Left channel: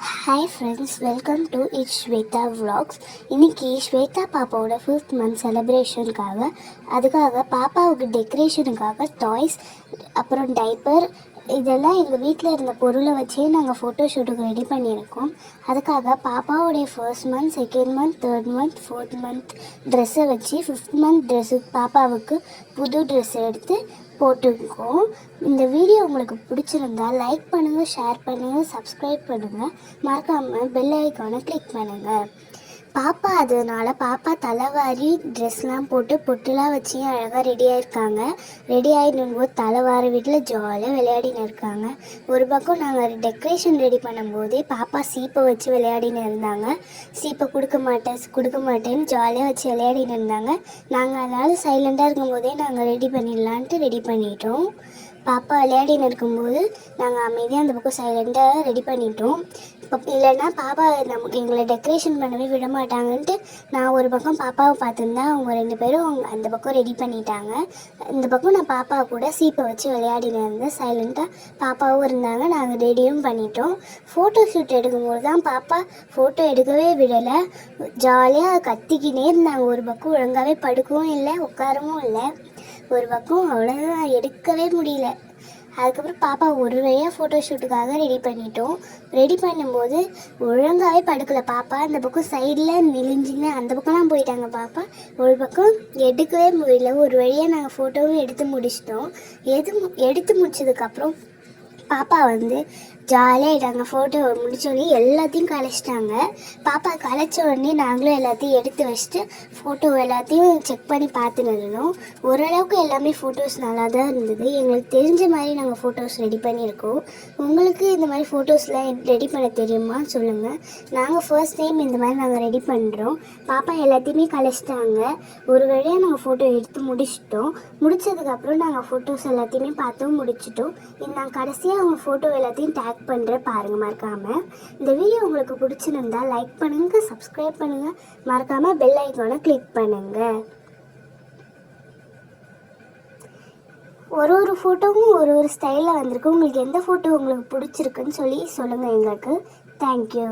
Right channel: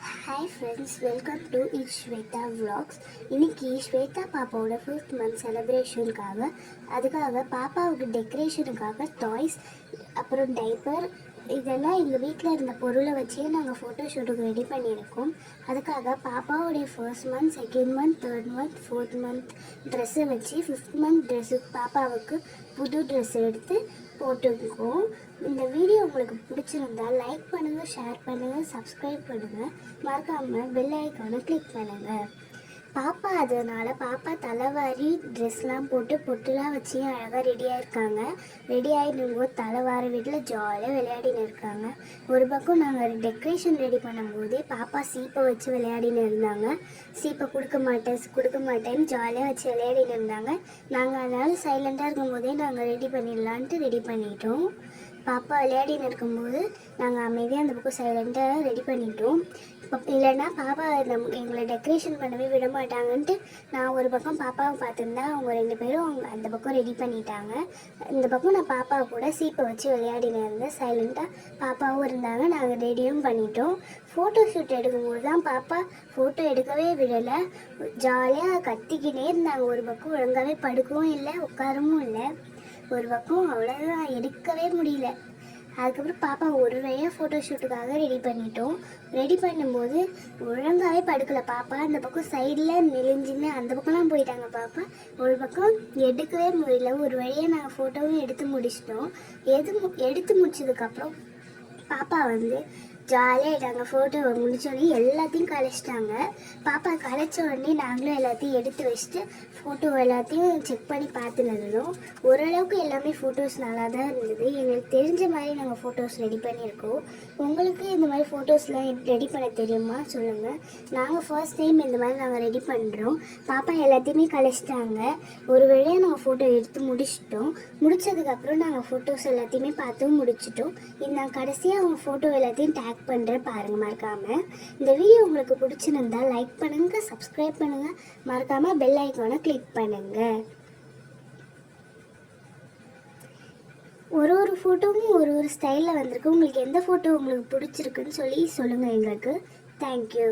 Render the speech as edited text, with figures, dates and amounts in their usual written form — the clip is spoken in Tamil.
Hi friends, welcome to It's Shweta Vlogs. இன்னைக்கு ஸ்வேதா பாப்பாவோட 5th month அதுக்காக பாப்பாவுக்கு டெக்கரேஷனுக்காக டாய்ஸ் அப்புறம் டைப்பர் இதெல்லாம் எங்கள் வீட்டில் இருந்த பொருளை வச்சே நாங்கள் ஃபோட்டோ ஷூட்டுக்கு ரெடி பண்ணியிருக்கோம். அதுக்காக பாப்பாவுடைய 1st month, 2nd month, 3rd month, 4th month ட்ரெஸ்ஸை வச்சு 5th month ட்ரெஸ்ஸு பாப்பாவுக்கு புது ட்ரெஸ் எடுத்து போட்டிருக்கோம். இந்த வீடியோ உங்களுக்கு பிடிச்சிருந்தா லைக் பண்ணுங்கள், ஷேர் பண்ணுங்கள், சப்ஸ்கிரைப் பண்ணுங்கள், மறக்காமல் பெல் ஐக்கானை கிளிக் பண்ணுங்கள். பாப்பா தலைவாரி ட்ரெஸ்லாம் போட்டு பொட்டுலாம் வச்சு அழகாக ரெடியாக இருக்காங்க. ரெடி ஆகிடும்போது தலைவாரி வீட்டில் ஜாலியாக விளையாடின்னு இருக்காங்க. ஒரு பக்கம் நாங்கள் டெக்கரேஷன் ரெடி பண்ணும்போதே பாப்பா சீப்பை வச்சு விளையாடின்னு இருந்தாங்க. சீப்பை கொடுக்க மாட்டேன்னு ஜாலியாக வச்சு விளையாடின்னு இருந்தாங்க. நாங்கள் அதனால் சைலண்டாக இருக்கும்போதே நாங்கள் ரெடி பண்ணிடலான்ட்டு ரெடி பண்ணிட்டோம். பாப்பா விளையாடின்னு இருக்கும்போது நாங்கள் அமைதியாக அந்த பக்கம் சைலண்டாக ரெடி பண்ணிட்டோம். இல்லைன்னா பாப்பா எங்களை டெக்கரேஷன் பண்ணவே விட மாட்டாங்கன்ட்டு நான் ஒரு பக்கம் பாப்பாவை பார்த்துருந்தா அவங்க 2 பேரும் அந்த பக்கம் ரெடி பண்ணிட்டாங்க. இந்த பக்கம் நான் பாப்பா கூட சீப்பை வச்சு விளையாடின்னு இருந்தேன். சைலண்ட்டாக பாப்பாவும் இருந்தாங்க. நாங்கள் ரெடியும் பண்ணிட்டோம். ஃபோட்டோ ஷூட் எடுக்கும்போது தான் பாப்பா ஃபோட்டோ எடுக்கவே விடலை. ஜாலியாக கத்திக்கினே இருந்தாங்க. ஒரு பக்கம் ஒழுங்காகவே படுக்கவும் இல்லை, உட்காரவும் இல்லை. ஒரு பக்கம் அவ்வளோதான், எடுக்கவே முடியல. அதுக்கப்புறம் பாப்பா ஒரு வழியாக ஃபோட்டோ ஷூட்டுக்காக ரெடி பண்ணிட்டோம். ரெடி பண்ணும்போது ஒழுங்காகவே படுக்கலை பாப்பா. அந்த பக்கம் சைடில் நெளிஞ்சின்னு அந்த பக்கம்லாம் போயிட்டாங்க பாப்பா. ஒரு பக்கம் எடுக்கவே முடியல. ஒரு வழியாக நாங்கள் ஃபோட்டோவும் எடுத்து முடிச்சிட்டோம். எடுத்து முடிச்சதுக்கப்புறம் பாப்பா ஜாலியாகிட்டாங்க. ஃபோட்டோ முடித்தோடனே எல்லாத்தையும் கலைச்சிட்டாங்க. பாப்பா கலைச்ச உடனே நாங்களும் எல்லாத்தையும் எடுத்து வச்சுட்டு ஃபோட்டோ எல்லாத்தையும் செக் பண்ணி பார்த்துன்னு இருந்தோம். ஓரளவுக்கு எல்லாமே ஃபோட்டோஸ் நல்லா தான் இருந்தது. எங்களுக்கு தெரிஞ்ச மாதிரி நாங்கள் ஃபோட்டோஸ் ரெடி பண்ணியிருக்கோம். உங்களுக்கு இந்த மாதிரி ஃபோட்டோஸ்லாம் ரெடி பண்ண தெரியுமா சொல்லுங்கள். நாங்கள் ஃபர்ஸ்ட் டைம் இந்த மாதிரி நாங்கள் ரெடி பண்ணுறோம். பாப்பா எல்லாத்தையுமே கலைச்சிட்டாங்க. ஒரு வழியாக நாங்கள் ஃபோட்டோ எடுத்து முடிச்சிட்டோம். முடித்ததுக்கப்புறம் நாங்கள் ஃபோட்டோஸ் எல்லாத்தையுமே பார்த்தும் முடிச்சிட்டோம். நான் கடைசியாக அவங்க ஃபோட்டோ எல்லாத்தையும் டேக் பண்ணுறேன் பாருங்கள் மறக்காமல். இந்த வீடியோ உங்களுக்கு பிடிச்சிருந்தா லைக் பண்ணுங்கள், சப்ஸ்கிரைப் பண்ணுங்கள், மறக்காமல் பெல் ஐக்கானை கிளிக் பண்ணுங்கள். ஒரு ஃபோட்டோவும் ஒரு ஸ்டைலில் வந்திருக்கு. உங்களுக்கு எந்த ஃபோட்டோ உங்களுக்கு பிடிச்சிருக்குன்னு சொல்லுங்கள் எங்களுக்கு. தேங்க்யூ.